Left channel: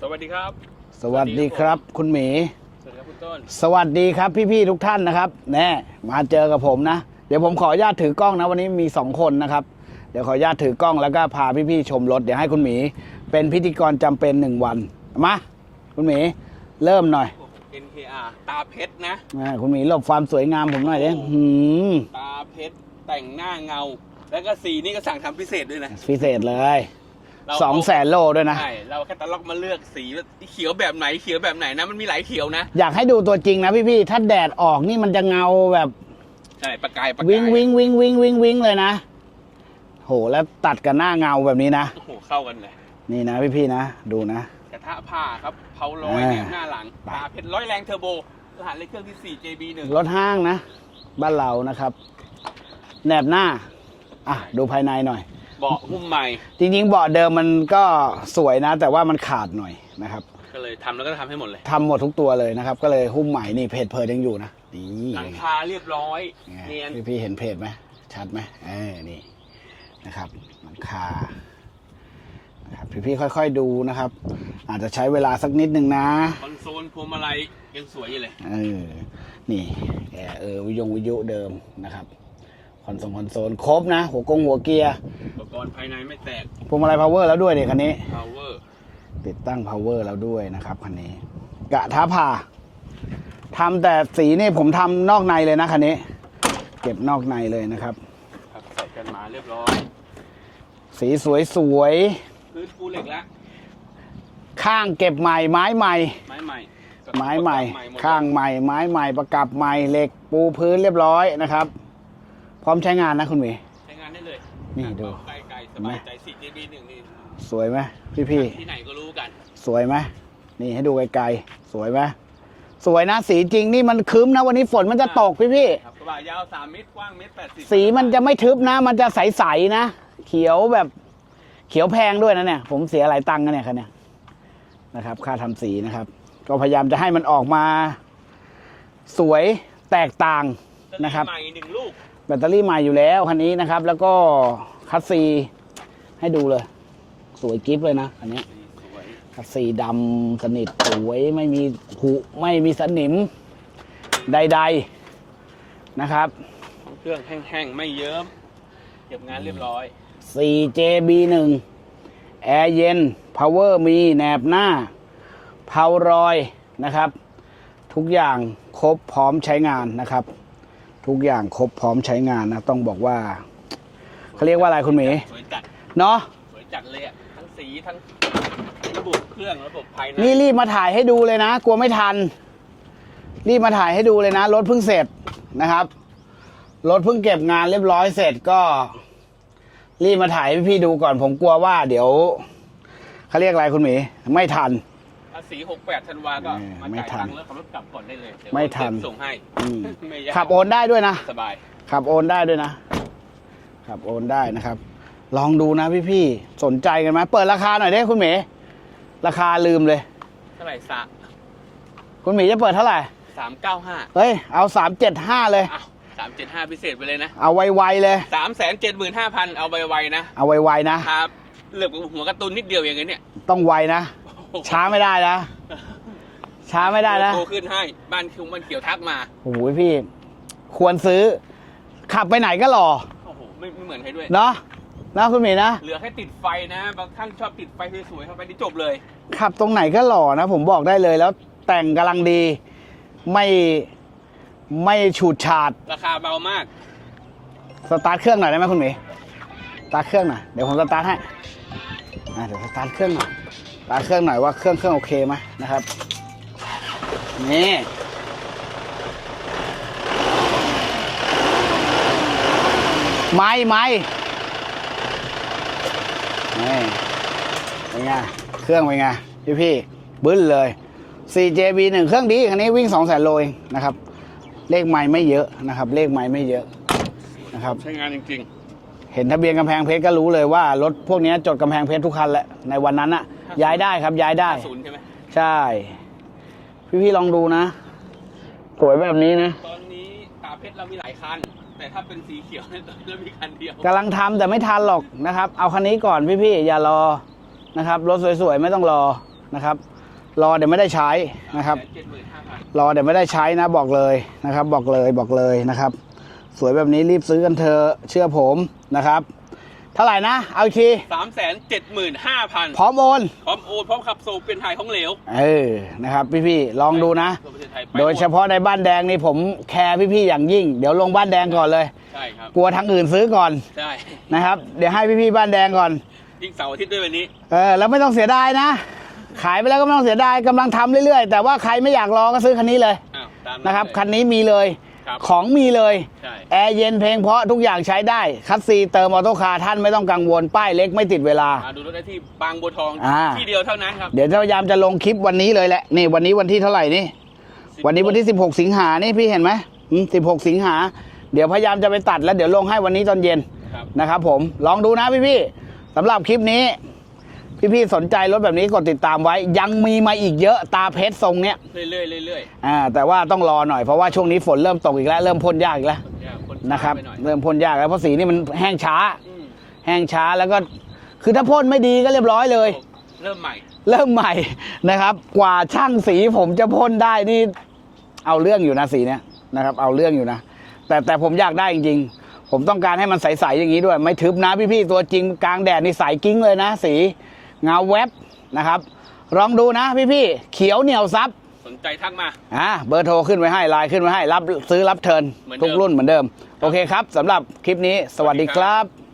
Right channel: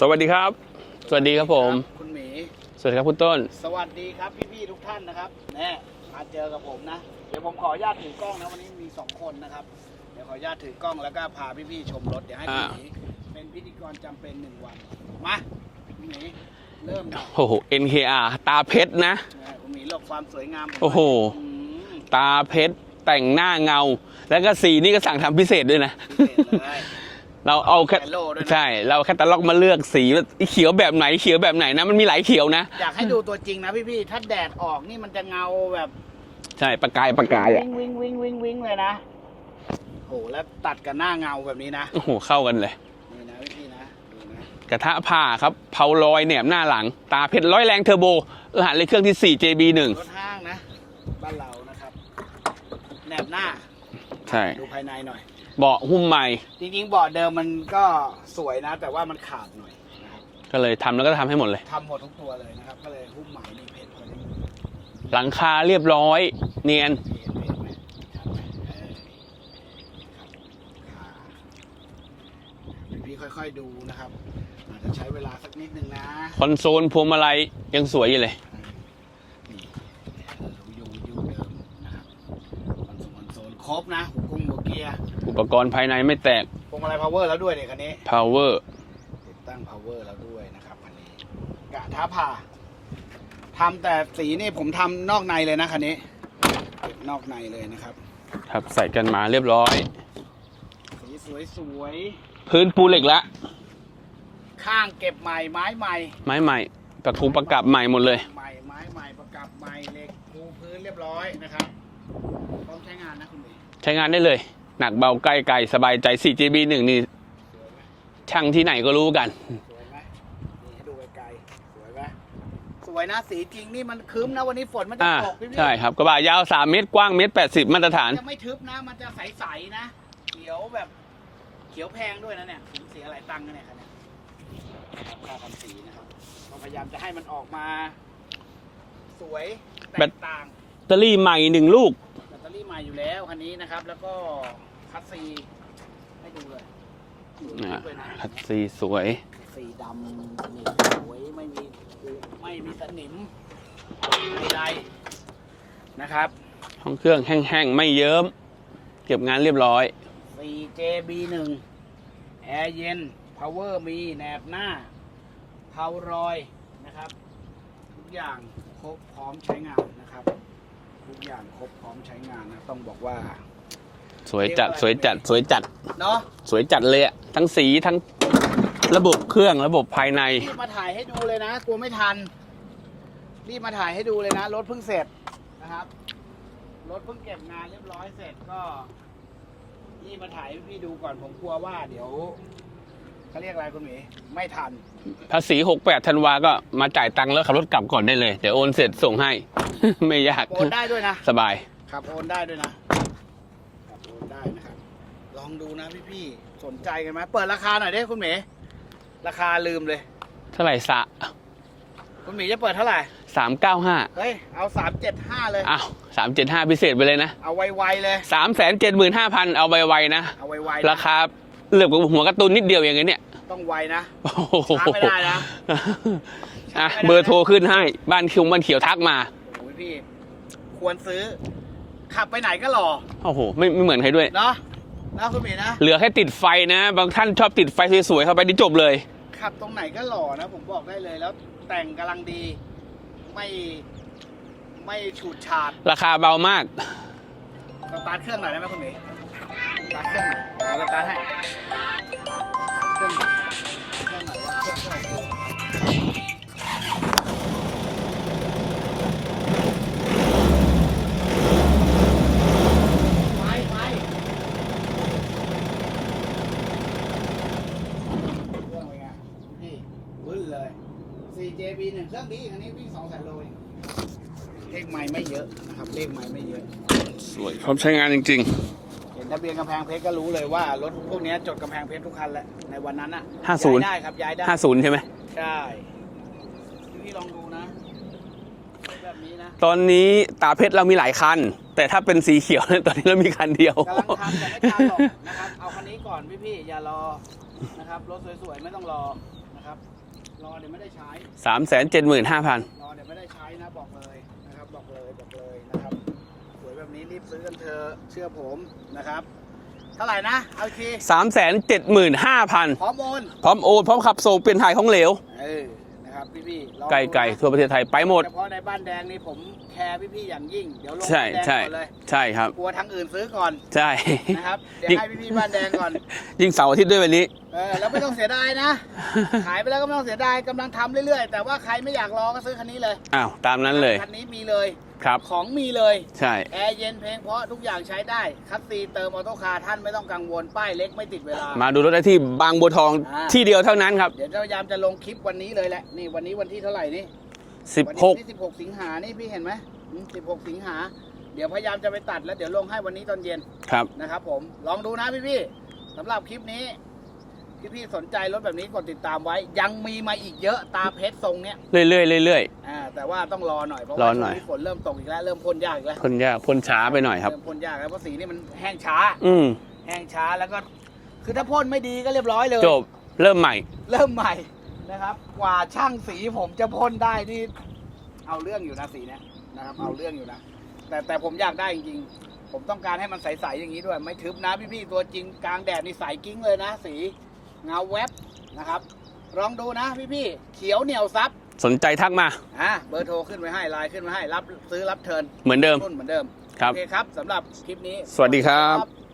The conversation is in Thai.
สวัสดีครับ สวัสดีครับคุณหมี สวัสดีครับคุณต้น สวัสดีครับพี่ๆทุกท่านนะครับ แน่มาเจอกับผมนะ เดี๋ยวผมขออนุญาตถือกล้องนะวันนี้มีสองคนนะครับ เดี๋ยวขออนุญาตถือกล้องแล้วก็พาพี่ๆชมรถเดี๋ยวให้คุณอ่าหมี เป็นพิธีกรจำเป็นหนึ่งวัน มา คุณหมีเริ่มหน่อย โอ้โห NKR ตาเพชรนะอ่าคุณหมีหลบความสวยงามผมหน่อยโอ้โหนะหืมตาเพชรแต่งหน้าเงา แล้วก็สีนี่ก็สั่งทำพิเศษด้วยนะ พิเศษเลย เราสองเอาแสนโลด้วยนะ ใช่ เราแค่ตะล็อกมาเลือกสีว่าเขียวแบบไหนเขียวแบบไหนนะ มันมีหลายเขียวนะ อยากให้ดูตัวจริงนะพี่ๆถ้าแดดออกนี่มันจะเงาแบบใช่ประกายประวิ่งกายวิ่งวิ่งวิ่งวิ่งวิ่งเลยนะโหแล้วตัดกับหน้าเงาแบบนี้นะ โอ้โหเข้ากันเลย นี่นะพี่ๆนะ ดูนะ กระทะผ่าครับเผาลอยอ่าแหนมหน้าหลัง ตาเพชรร้อยแรงเทอร์โบรหัสเลขเครื่องที่ 4 JB1 รถห้างนะ บ้านเรานะครับแหนบหน้าอะใช่ ดูภายในหน่อย เบาะหุ้มใหม่ จริงๆเบาะเดิมมันก็สวยนะ แต่ว่ามันขาดหน่อยนะครับก็เลยทำแล้วก็ทำให้หมดเลย ทำหมดทุกตัวเลยนะครับ ก็เลยหุ้มใหม่นี่เพจเพจยังอยู่นะนี่หลังคาเรียบร้อย เนียนพี่ๆเห็นเพจไหมชัดไหมเออนี่นะครับหลังคานะครับพี่ๆค่อยๆดูนะครับ อาจจะใช้เวลาสักนิดนึงนะคอนโซลพวงมาลัยยังสวยอยู่เลย เออนี่แอร์เออวิทยงวิทยุเดิมนะครับ คอนโซลคอนโซลครบนะ หัวกงหัวเกียร์อุปกรณ์ภายในไม่แตกพวงมาลัยพาวเวอร์แล้วด้วยเนี่ยคันนี้ power ติดตั้งพาวเวอร์แล้วด้วยนะครับคันนี้ กะท้าผ่าทำแต่สีนี่ผมทำนอกในเลยนะคันนี้ เก็บนอกในเลยนะครับ ครับใส่กันมาเรียบร้อย สีสวยสวยพื้นปูเหล็กละ ๆข้างเก็บใหม่ไม้ใหม่ ไม้ใหม่ประคูประกับใหม่หมดเลย ข้างใหม่ไม้ใหม่ประกับใหม่เหล็กปูพื้นเรียบร้อยนะครับ พร้อมใช้งานนะคุณหมี ใช้งานได้เลย หนักเบาใกล้ไกลสบายใจ 4GB 1 นี่สวยไหมพี่ๆช่างที่ไหนก็รู้กัน สวยไหมนี่ให้ดูไกลๆ สวยไหมสวยนะสีจริงนี่มันครึ้มนะวันนี้ฝนมันจะตกพี่พี่ใช่ครับกระบะยาว 3 เมตรกว้างเมตร80สีมาตรมัฐานนจะไม่ทึบนะ มันจะใสๆนะ เขียวแบบเขียวแพงด้วยนะเนี่ย ผมเสียหลายตังค์นะเนี่ยคันเนี้ยนะครับ ค่าทำสีนะครับ ก็พยายามจะให้มันออกมา สวยแตกต่างแบตเตอรี่นะครับใหม่หนึ่งลูก แบตเตอรี่ใหม่อยู่แล้วคันนี้นะครับ แล้วก็คัสซีให้ดูเลย สวยกิ๊บเลยนะคันนี้สีสวย คัสซีดำสนิทสวยไม่มีผุไม่มีสนิมใด ๆนะครับห้องเครื่องแห้งๆ ไม่เยิ้ม เก็บงานเรียบร้อย 4JB1 แอร์เย็น Power มีแหนบหน้าเผารอยนะครับ ทุกอย่างครบพร้อมใช้งานนะครับ ทุกอย่างครบพร้อมใช้งานนะ ต้องบอกว่า สวยเขาเรียกจัว่าดอะไรสวยคุณหมี จัดสวยจัด เนาะสวยจัดเลยอะทั้งสีทั้งระบบเครื่องระบบภายใน นี่รีบมาถ่ายให้ดูเลยนะ กลัวไม่ทัน รีบมาถ่ายให้ดูเลยนะ รถเพิ่งเสร็จนะครับ รถเพิ่งเก็บงานเรียบร้อยเสร็จก็ รีบมาถ่ายให้พี่ๆดูก่อนผมกลัวว่า เดี๋ยวเขาเรียกอะไรคุณหมี ไม่ทัน ภาษี68ธันวาก็เออมาจ่ายไม่ทันตังค์แล้วขับรถกลับก่อนได้เลย เดี๋ยวไม่โอนเสร็จทันส่งให้ ไม่ยากขับโอนได้ด้วยนะ สบาย ขับโอนได้ด้วยนะ ขับโอนได้นะครับ ลองดูนะพี่ๆ สนใจกันไหมเปิดราคาหน่อยดิคุณหมีราคาลืมเลย เท่าไหร่สะคุณหมีจะเปิดเท่าไหร่ สามเก้าห้าเฮ้ย เอาสามเจ็ดห้าเลย อ้าวสามเจ็ดห้าพิเศษไปเลยนะเอาไวๆเลย สามแสนเจ็ดหมื่นห้าพันเอาไวๆนะ เอาไวๆรานะคา เหลือบกับหัวการ์ตูนนิดเดียวอย่างเงี้ยเนี่ยต้องไวนะ โอ้โหช้าไม่ได้นะ ช้าไม่ได้นะ เบอร์โทรขึ้นให้ บ้านคิวบ้านเขียวทักมา โอ้โหพี่ ควรซื้อ ขับไปไหนก็หล่อโอ้โห ไม่ไม่เหมือนใครด้วย เนาะนะคุณหมีนะ เหลือแค่ติดไฟนะ บางท่านชอบติดไฟสวยๆเข้าไปนี่จบเลย ขับตรงไหนก็หล่อนะ ผมบอกได้เลยแล้ว แต่งกำลังดี ไม่ไม่ฉูดฉาด ราคาเบามาก สตาร์ทเครื่องหน่อยได้ไหมคุณหมีส ตาร์ทเครื่องหน่อย เดี๋ยวผมสตาร์ทให้อะเดี๋ยวสตาร์ทเครื่องหน่อยสตาร์ทเครื่องหน่อยว่าเครื่องเครื่องโอเคไหมนะครับ นี่ไม้ไม้นี่เป็นไง เครื่องเป็นไง พี่พี่บึ้นเลย 4JB 1 เครื่องดีคันนี้วิ่ง2 0 0 0 0โลเองนะครับ เลขไม้ไม่เยอะนะครับ เลขไม้ไม่เยอะ สวยครับใช้งานจริง เห็นทะเบียนกำแพงเพชรก็รู้เลยว่ารถพวกนี้จดกำแพงเพชรทุกคันแหละในวันนั้นอะ50 ย้ายได้ครับย้ายๆได้50ใช่ไหม ใช่ พี่ๆลองดูนะสวยแบบนี้นะตอนนี้ตาเพชรเรามีหลายคัน แต่ถ้าเป็นสีเขียวเนี่ยตอนนี้เรามีคันเดียวกำลังทำแต่ไม่ทันหรอกนะครับ เอาคันนี้ก่อนพี่ๆอย่ารอนะครับรถสวยๆไม่ต้องรอนะครับ รอเดี๋ยวไม่ได้ใช้สามนะคแสรับนเจ็ดหมื่นห้าพัน รอเดี๋ยวไม่ได้ใช้นะบอกเลยนะครับ บอกเลยบอกเลยนะครับ สวยแบบนี้รีบซื้อกันเถอะเชื่อผมนะครับ เท่าไหร่นะ เอาอีกทีสามแสนเจ็ดหมื่นห้าพันพร้อมโอนพร้อมโอนพร้อมขับส่งเปลี่ยนถ่ายของเหลวเออนะครับ พี่ๆลองไกลดูไกลนะทั่วประเทศไทยไปโดหยมดเฉพาะในบ้านแดงนี่ผมแคร์พี่ๆอย่างยิ่ง เดี๋ยวลงใช่บ้านแดงใช่ก่อนเลยใช่ครับ กลัวทางอื่นซื้อก่อนใช่ นะครับ เดี๋ยวให้พี่ๆบ้านแดงก่อน ยิ่งเสาร์อาทิตย์ด้วยวันนี้ เออแล้วไม่ต้องเสียดายนะ ขายไปแล้วก็ไม่ต้องเสียดายกำลังทำเรื่อยๆ แต่ว่าใครไม่อยากรอก็ซื้อคันนี้เลยอ้าว ตามนั้นะนครับเลย คันนี้มีเลย ครับของมีเลยใช่แอร์เย็นเพลงเพราะทุกอย่างใช้ได้ คัสซีเติมออโต้คาร์ท่านไม่ต้องกังวลป้ายเล็กไม่ติดเวลา มาดูรถได้ที่บางบัวทองอ่า ที่เดียวเท่านั้นครับ เดี๋ยวจะพยายามจะลงคลิปวันนี้เลยแหละนี่วันนี้วันที่เท่าไหร่นี่16วันนี้วันที่ 16 สิงหานี่พี่เห็นไหมอืม16 สิงหา เดี๋ยวพยายามจะไปตัดแล้วเดี๋ยวลงให้วันนี้ตอนเย็นครับ นะครับผม ลองดูนะพี่ๆสำหรับคลิปนี้ พี่ๆสนใจรถแบบนี้กดติดตามไว้ ยังมีมาอีกเยอะตาเพชรทรงเนี้ยเรื่อยๆเรื่อย อ่าแต่ว่าต้องรอหน่อยเพราะว่ารอหน่อย ช่วงนี้ฝนเริ่มตกอีกแล้วเริ่มพ่นยากอีกแล้วๆคนยากคนช้าะครับไปหน่อยครับ เริ่มพ่นยากแล้วเพราะสีนี่มันแห้งช้า อืมแห้งช้าแล้วก็คือถ้าพ่นไม่ดีก็เรียบร้อยเลย จบเริ่มใหม่ เริ่มใหม่นะครับ กว่าช่างสีผมจะพ่นได้นี่ เอาเรื่องอยู่นะสีเนี้ยนะครับ เอาเรื่องอยู่นะ แต่แต่ผมอยากได้จริงๆ ผมต้องการให้มันใสๆอย่างนี้ด้วย ไม่ทึบนะพี่ๆตัวจริงกลางแดดนี่ใสกิ้งเลยนะสี เงาแวบนะครับ ลองดูนะพี่ๆเขียวเหนียวซับสนใจทักมา อ่าเบอร์โทรขึ้นไว้ให้ไลน์ขึ้นไว้ให้ รับซื้อรับเทิร์นเหมือนเดิมทุกรุ่นเหมือนเดิมครับโอเคครับสำหรับคลิปนี้ สวัสดีสวัสดีคครัรับบ